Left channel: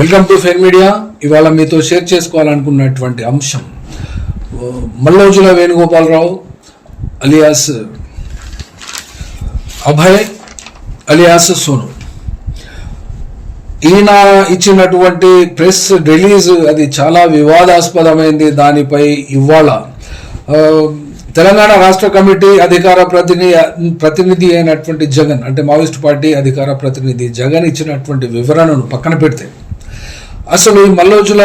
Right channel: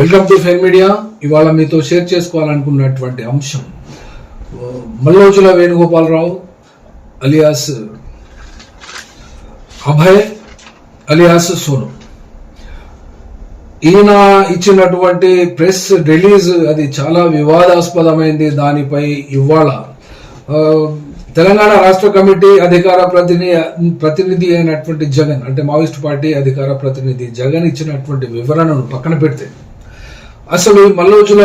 Welcome to fair media. ఇవాళ మీతో share చేసుకోవాలనుకున్నటువంటి అంశం మల్లోజుల వేణుగోపాలరావు అలియాస్ అభయ్ అలియాస్ సోను. ఈయన ఇచ్చినటువంటి ప్రెస్ రిలీజ్ అది చాలా వివాదాస్పదమైంది దానిపై ఇవాళ. తెలంగాణ రాష్ట్ర కమిటీ అధికార ప్రతినిధి ప్రతినిధి అయినటువంటి జగన్ అంటే మావోయిస్ట్ పార్టీ అధికార ప్రతినిధి జగన్ ఇచ్చినటువంటి వివరణను పక్కన పెడితే అసలు ఈ మల్లోజుల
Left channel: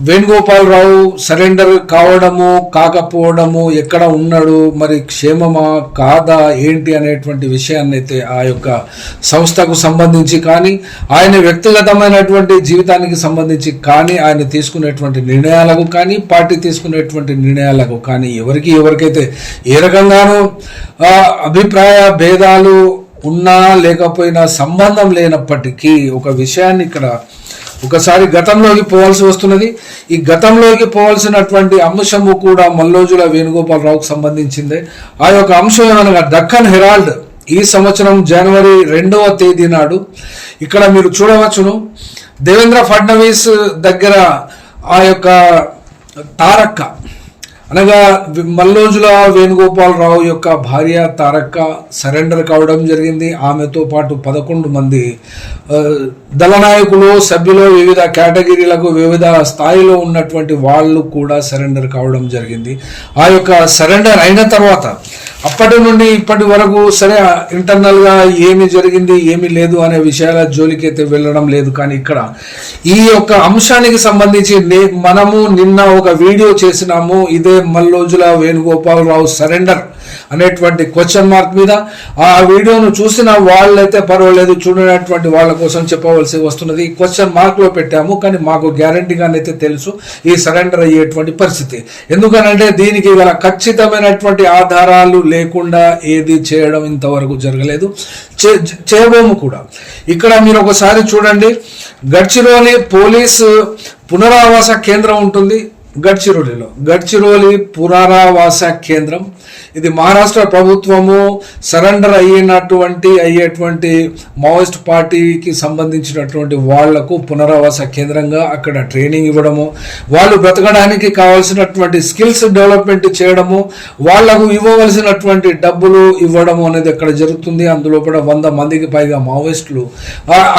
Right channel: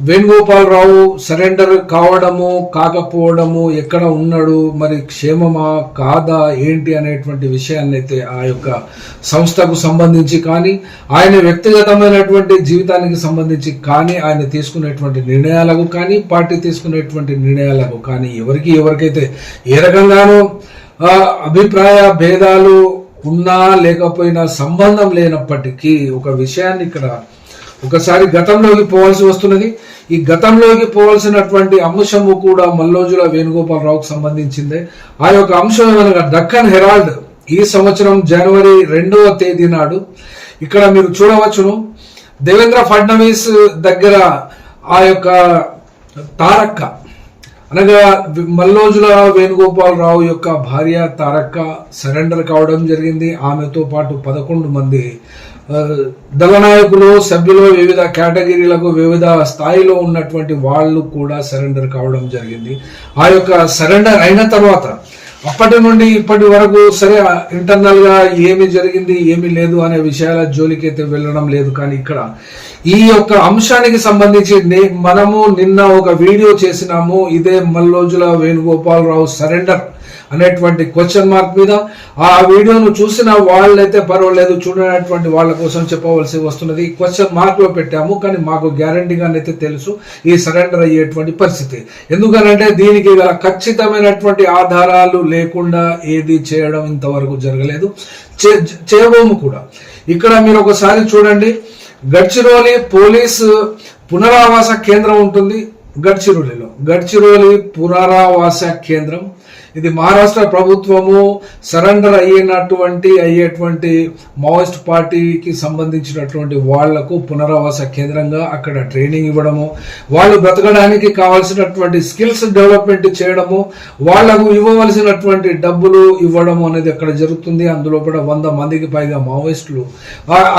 వేణుగోపాలరావు సరెండర్ కావడము కాకపోవడము ఎక్కడ ఉన్నాడు మరి క్షేమమా కాదా ఏంటి అనేటువంటి విషయాన్ని అయితే ఆ యొక్క సంస్థకు సంబంధించి కానీ ఆయన వ్యక్తిగతమైనటువంటి జీవితానికి సంబంధించి కానీ ఆయన తీసుకునేటువంటి నిర్ణయాలకు కానీ పార్టీ తీసుకునేటువంటి నిర్ణయాలకు కానీ ఎవరికి ఎవరికైతే ఏ రకంగానూ అభిప్రాయ భేదాలు ఉన్నా లేకపోయినా సంబంధం లేనప్పటికీ ఒక విషయాన్ని ఇక్కడ ఒకసారి గతంలోకి పోవాల్సి వస్తున్నది. ఈ గతంలోకి పోవాల్సినటువంటి అంశము కూడా మల్లోజుల వేణుగోపాలరావుకు సంబంధించిందే. ఆ యొక్క అంశం ఏమనగా దక్కన్ హెరాల్డ్ ఈ సంవత్సరం జనవరి రెండవ తేదీ నాడు ఇక్కడ మీరు చూడవచ్చును. దేవేంద్ర ఫడ్నవీస్ దగ్గర ఆ యొక్క తారక్క అనగా మల్లోజుల వేణుగోపాలరావు యొక్క భార్య తారక్క సరెండర్ కావడం జరిగింది. ఆమెతో పాటు పదకొండు మంది దళనాయకులు దళ నాయకులు సభ్యులు వివిధ కేటగిరీలకు వివిధ స్థాయిలో ఉన్నటువంటి వాళ్ళు కూడా సరెండర్ కావడం జరిగింది. ఆ యొక్క సరెండర్ అయిన తర్వాత అప్పటి నుండి ఇప్పటి వరకు సరే ఇంటర్నల్గా ఏమి జరిగింది ఏమి లేదు అనే విషయాల జోలికైతే వెళ్ళడం లేదు. కానీ ఇక్కడ ఈ యొక్క అంశానికి సంబంధించి మనము నిన్న ఒక వీడియో చేసినాము. ఇదే మల్లోజుల వేణుగోపాలరావు సరెండర్ అనేటువంటి క్వశ్చన్ మార్క్ మీద. ఆ వీడియోను చూసిన వాళ్ళైతే పర్వాలేదు చూడనటువంటి వాళ్ళ కోసం చెప్పవలసి వస్తున్నది. క్వశ్చన్ మార్క్లో పెట్టాము కానీ మాకు గ్యారంటీగానైతే తెలుసు ఈ సరెండర్ అయ్యేటువంటి పరిస్థితి. ఎందుకనంటే దీనికి గల ఖచ్చితమైనటువంటి ఆధారాలు లేకుండా ఏది చేయడం ఇంతవరకు జరగలేదు. చే- చేయబోము కూడా. ఇక్కడ మీరు ఒకసారి చూడండి. గడ్చిరోలి పోలీస్ పునరావాస కేంద్రం ఉంటుంది. గడ్చిరోలిలో. గడ్చిరోలి పునరావాస కేంద్రం. ఇది మహారాష్ట్ర ప్రభుత్వము సరెండర్ అయ్యినటువంటి అయ్యేటువంటి మావోయిస్ట్ పార్టీకి సంబంధించినటువంటి వాళ్ళకు పునరావాస కేంద్రంగా అక్కడ ట్రైనింగ్ ఇవ్వడము వాళ్ళు బ్రతకడానికి కావాల్సినటువంటి స్కిల్స్ డెవలప్మెంట్ చేయడము వాళ్ళకు ఇవ్వవలసినటువంటి డబ్బులు ఇవ్వడము అనేది అక్కడ జరుగుతుంది. అందులో కూడా వంద మందికి పైగా మావోయిస్టులు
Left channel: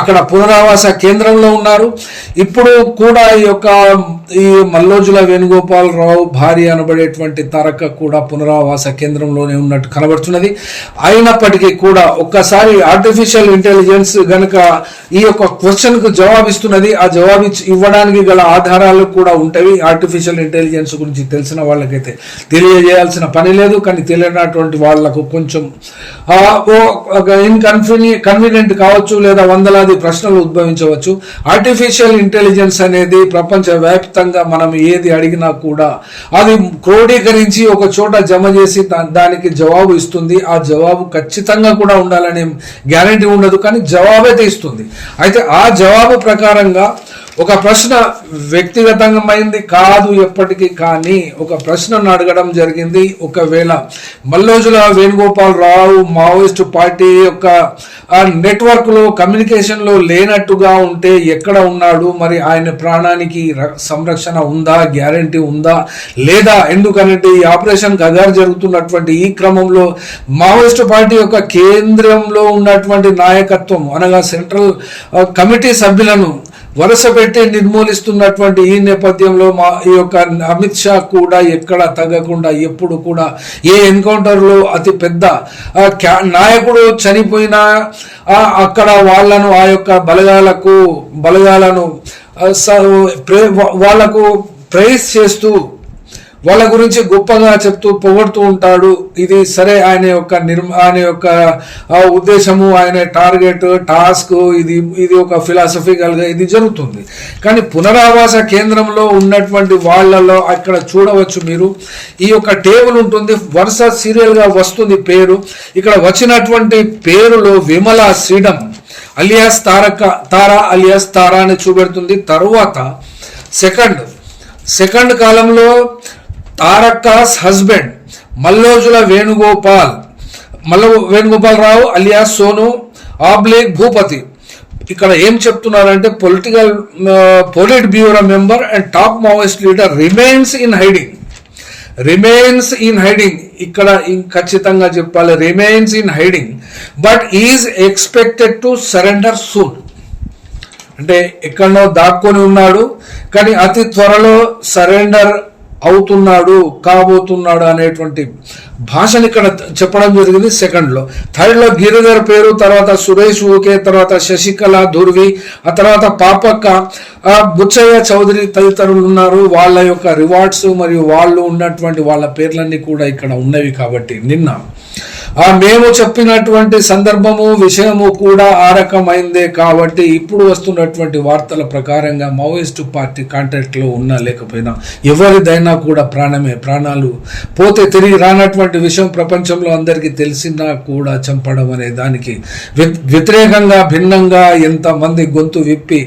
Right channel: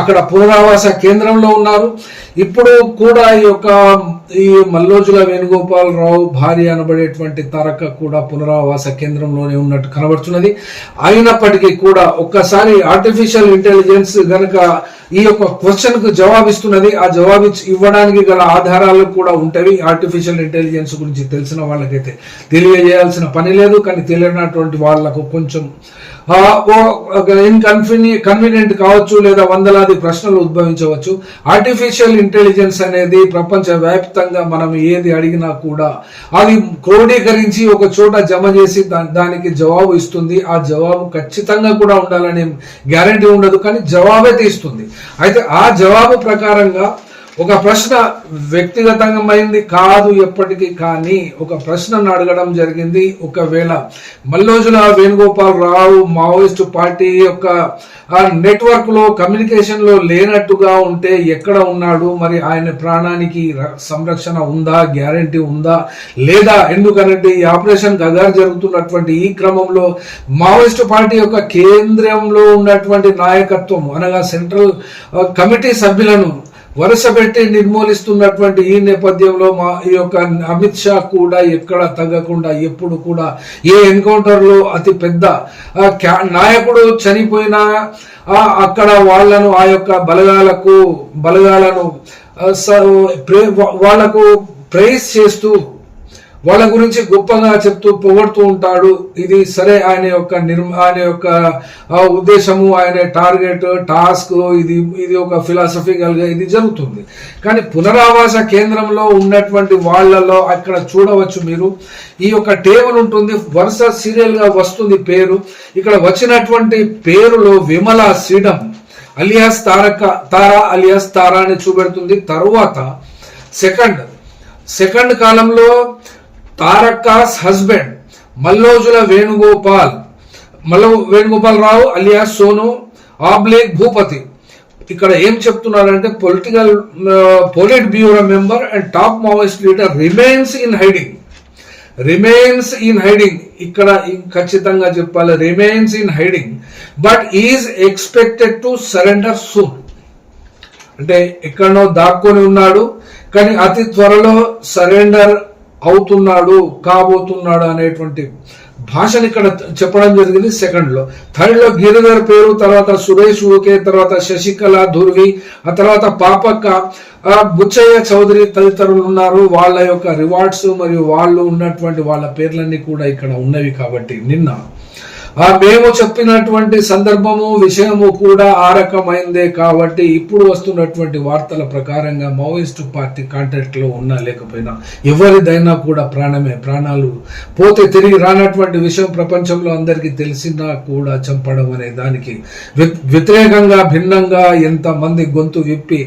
అక్కడ పునరావాస కేంద్రంలో ఉన్నారు. ఇప్పుడు కూడా ఈ యొక్క ఈ మల్లోజుల వేణుగోపాలరావు భార్య అనబడేటువంటి తారక కూడా పునరావాస కేంద్రంలోనే ఉన్నట్టు కనబడుతున్నది. అయినప్పటికీ కూడా ఒక్కసారి ఆర్టిఫిషియల్ ఇంటెలిజెన్స్ గనుక ఈ యొక్క క్వశ్చన్కు జవాబిస్తున్నది. ఆ జవాబు ఇవ్వడానికి గల ఆధారాలు కూడా ఉంటాయి ఆర్టిఫిషియల్ ఇంటెలిజెన్స్ గురించి తెలిసిన వాళ్ళకైతే తెలియజేయాల్సిన పని లేదు. కానీ తెలియనటువంటి వాళ్ళకు కొంచెం ఓ- ఒక కన్వీనియంట్ కావచ్చు లేదా వందలాది ప్రశ్నలు ఉద్భవించవచ్చు. ఆర్టిఫిషియల్ ఇంటెలిజెన్స్ అనేది ప్రపంచ వ్యాప్తంగా మనం ఏది అడిగినా కూడా అది క్రోడీకరించి ఒక చోట జమ చేసి దా- దానికి జవాబు ఇస్తుంది. ఆ జవాబు ఖచ్చితంగా కూడా ఉండాలనే గ్యారంటీ ఉండదు కానీ జవాబైతే ఇస్తుంది అయితే ఆ జవాబు ప్రకారంగా ఒక ప్రశ్న వ్యక్తిగతమైంది కాదు ఎప్పటికీ కానీ ఒక ప్రశ్నను అడగడం జరిగింది. ఒకవేళ మల్లోజుల వేణుగోపాల్ రావు మావోయిస్టు పార్టీ యొక్క ఆ నెట్వర్క్లో కమ్యూనికేషన్లో లేనట్టుగా ఉంటే ఎక్కడ ఉన్నాడు? మరి ఆయన ప్రాణానికి ర- సంరక్షణ ఉందా? గ్యారంటీ ఉందా? లేదా ఎందుకనంటే ఈ ఆపరేషన్ గగార్ జరుగుతున్నటువంటి ఈ క్రమంలో మావోయిస్టు పార్టీ యొక్క కేంద్రంలో ఉన్నటువంటి నాయకత్వం అనగా సెంట్రల్ కమిటీ సభ్యులను వరుస పెట్టి నిర్మూలిస్తున్నటువంటి ఈ నేపథ్యంలో మా ఈ యొక్క అమిత్ షా కూడా ఎక్కడ తగ్గకుండా ఎప్పుడు కూడా ఏ ఎన్కౌంటర్లో అతి పెద్ద క్యా- నాయకుడు చనిపోయినా అక్కడ వాళ్ళను ఆ యొక్క బలగాలకు బలగాలను స- ప్రే- వాళ్ళకు ప్రేస్ చేస్తూ వాళ్ళ గురించి గొప్పగా చెప్తూ పొగడుతూ ఉంటాడు. ఇది సరే ఆయన యొక్క నిర్మ ఆయన యొక్క ఉద్దేశము ఆయన టార్గెట్ టాస్క్ ఇది ఇది ఒక ఫిలాసఫికల్గా గా ఇది జరుగుతుంది. కానీ పునరావాస కేంద్రంలో ఉన్నటువంటి వాళ్ళలో అక్కడ చూడవచ్చు మీరు. ఈ యొక్క టేబుల్ ఉంటుంది వరుస సీరియల్గా గా వస్తుంది పేరు. ఇక్కడ వచ్చినటువంటి పేరులో విమల శ్రీడం అలియాస్ తారక తారా అలియాస్ తారా అని చూపెడుతుంది. తరువాత సెకండ్ సెకండ్ కాలంలో తారక్కాస్ హస్బెండ్ మల్లోజుల వేణుగోపాల్ మల్ల వేణుగోపాల్ రావు అలియాస్ సోను ఆబ్లేక్ భూపతి. ఇక్కడ ఏం చెప్తున్నారంటే political politburo member and top Maoist leader remains in hiding. Remains in hiding. ఇక్కడ ఖచ్చితంగా చెప్పాలి remains in hiding. But is expected to surrender soon. అంటే ఎక్కడనో దాక్కొని ఉన్నాడు కానీ అతి త్వరలో సరెండర్ అవుతున్నాడు కాబోతున్నాడు అనేటువంటి భాషను ఇక్కడ చెప్పడం జరిగింది సెకండ్లో. థర్డ్లో గిరిధర్ పేరు తర్వాత సురేష్ ఓకే తర్వాత శశికళ ధుర్వి ఆ తర్వాత పాపక్క బుచ్చయ్య చౌదరి తదితరులు ఉన్నారు. వాళ్ళ యొక్క రివార్డ్స్ మరియు వాళ్ళు ఉన్నటువంటి వాళ్ళ పేర్లన్నీ కూడా ఇక్కడ ఉన్నవి కాబట్టి నిన్న. ఆ మేము చెప్పినటువంటి సందర్భము విషయము కూడా ఆ రకమైందే కాబట్టి ఇప్పుడు వస్తున్నటువంటి వార్తల ప్రకారంగా మావోయిస్టు పార్టీ కాంటాక్ట్లో ఉన్నా లేకపోయినా ఎవరిదైనా కూడా ప్రాణమే ప్రాణాలు పోతే తిరిగి రానటువంటి విషయం ప్రపంచంలో అందరికీ తెలిసినా కూడా చంపడం అనే దానికి వ్య- వ్యతిరేకంగా భిన్నంగా ఎంతమంది గొంతు విప్పి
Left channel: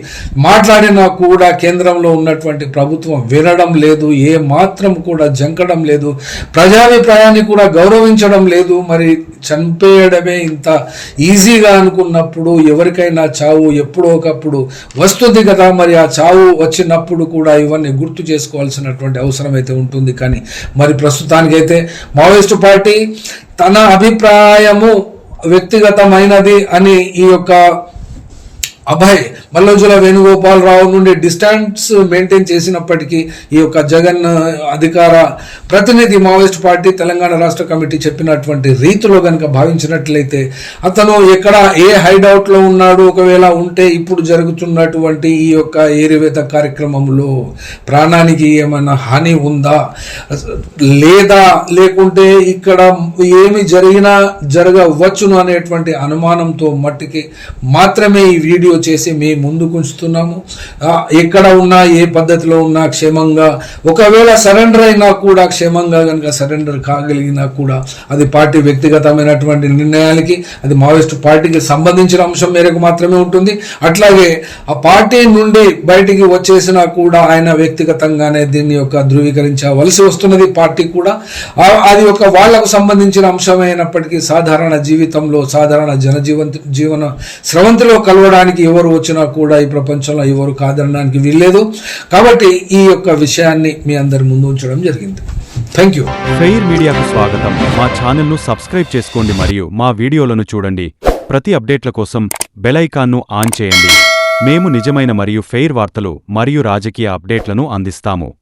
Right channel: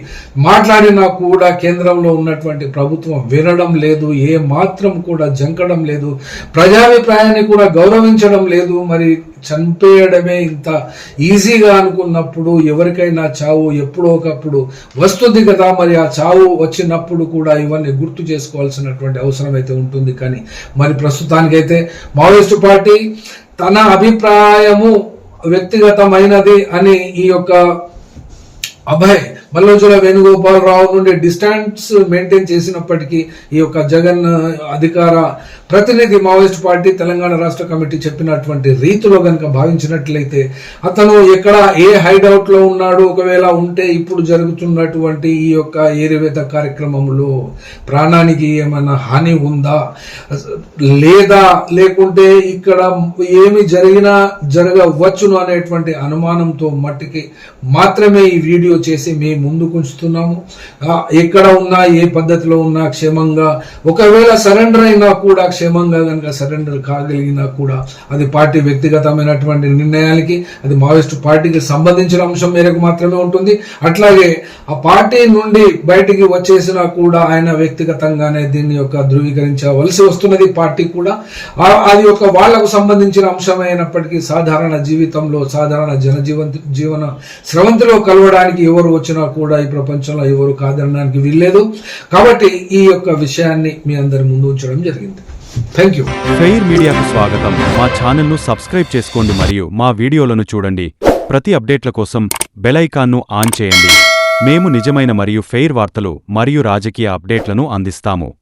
మాట్లాడినా కూడా కేంద్రంలో ఉన్నటువంటి ప్రభుత్వం వినడం లేదు ఏ మాత్రం కూడా జంకడం లేదు ప్రజాభిప్రాయాన్ని కూడా గౌరవించడం లేదు. మరి చంపేయడమే ఇంత ఈజీగా అనుకున్నప్పుడు ఎవరికైనా చావు ఎప్పుడో ఒకప్పుడు వస్తుంది కదా మరి ఆ చావు వచ్చినప్పుడు కూడా ఇవన్నీ గుర్తు చేసుకోవాల్సినటువంటి అవసరం అయితే ఉంటుంది. కానీ మరి ప్రస్తుతానికైతే మావోయిస్టు పార్టీ తన అభిప్రాయము వ్యక్తిగతమైనది అని ఈ యొక్క అభయ్ మల్లోజుల వేణుగోపాలరావు నుండి డిస్టెన్స్ మెయింటైన్ చేసినప్పటికీ ఈ యొక్క జగన్ అధికార ప్రతినిధి మావోయిస్ట్ పార్టీ తెలంగాణ రాష్ట్ర కమిటీ చెప్పినటువంటి రీతిలో కనుక భావించినట్లయితే అతను ఎక్కడ ఏ హైడౌట్లో ఉన్నాడు ఒకవేళ ఉంటే ఇప్పుడు జరుగుతున్నటువంటి ఈ యొక్క ఏరివేత కార్యక్రమంలో ప్రాణానికి ఏమైనా హాని ఉందా? లేదా లేకుంటే ఇక్కడ ఏమి జరిగినా జరగవచ్చును అనేటువంటి అనుమానంతో మట్టికి మాత్రమే ఈ వీడియో చేసి మేము ముందుకు ఉంచుతున్నాము ఎక్కడ ఉన్నా ఏ పద్ధతిలో ఉన్నా క్షేమంగా ఒకవేళ సరెండర్ అయినా కూడా క్షేమంగా కనుక సరెండర్ కాగలిగినా కూడా అది పార్టీ వ్యక్తిగతమైనటువంటి నిర్ణయాలకి అది మావోయిస్టు పార్టీకి సంబంధించిన అంశం మేరకు మాత్రమే ఉంటుంది. అట్లాగే ఆ పార్టీ నుండి బయటికి వచ్చేసినా కూడా ఆయన వ్యక్తిగతంగానే దీన్ని యొక్క ధృవీకరించవలసి వస్తున్నది పార్టీ కూడా. అది ఒక వాళ్ళకు సంబంధించిన అంశమైనప్పటికీ సాధారణ జీవితంలో సాధారణ జనజీవన జీవన స్రవంతిలో కలవడానికి ఎవరు వచ్చినా కూడా ఈ ప్రపంచంలో ఎవరు కాదనడానికి వీల్లేదు. కాబట్టి ఈ యొక్క విషయాన్ని మీ అందరి ముందు ఉంచడం జరిగింది. థ్యాంక్ యూ ఫెయిర్ మీడియాకు స్వాగతం. మా ఛానల్ను సబ్స్క్రైబ్ చేసుకోండి మరియు మా వీడియోలను చూడండి. ప్రతి అప్డేట్ల కోసం బెల్ ఐకాన్ను ఆన్ చేయండి. మేము నిజమైన మరియు ఫెయిర్ వార్తలు మరియు రాజకీయ అప్డేట్లను అందిస్తాము.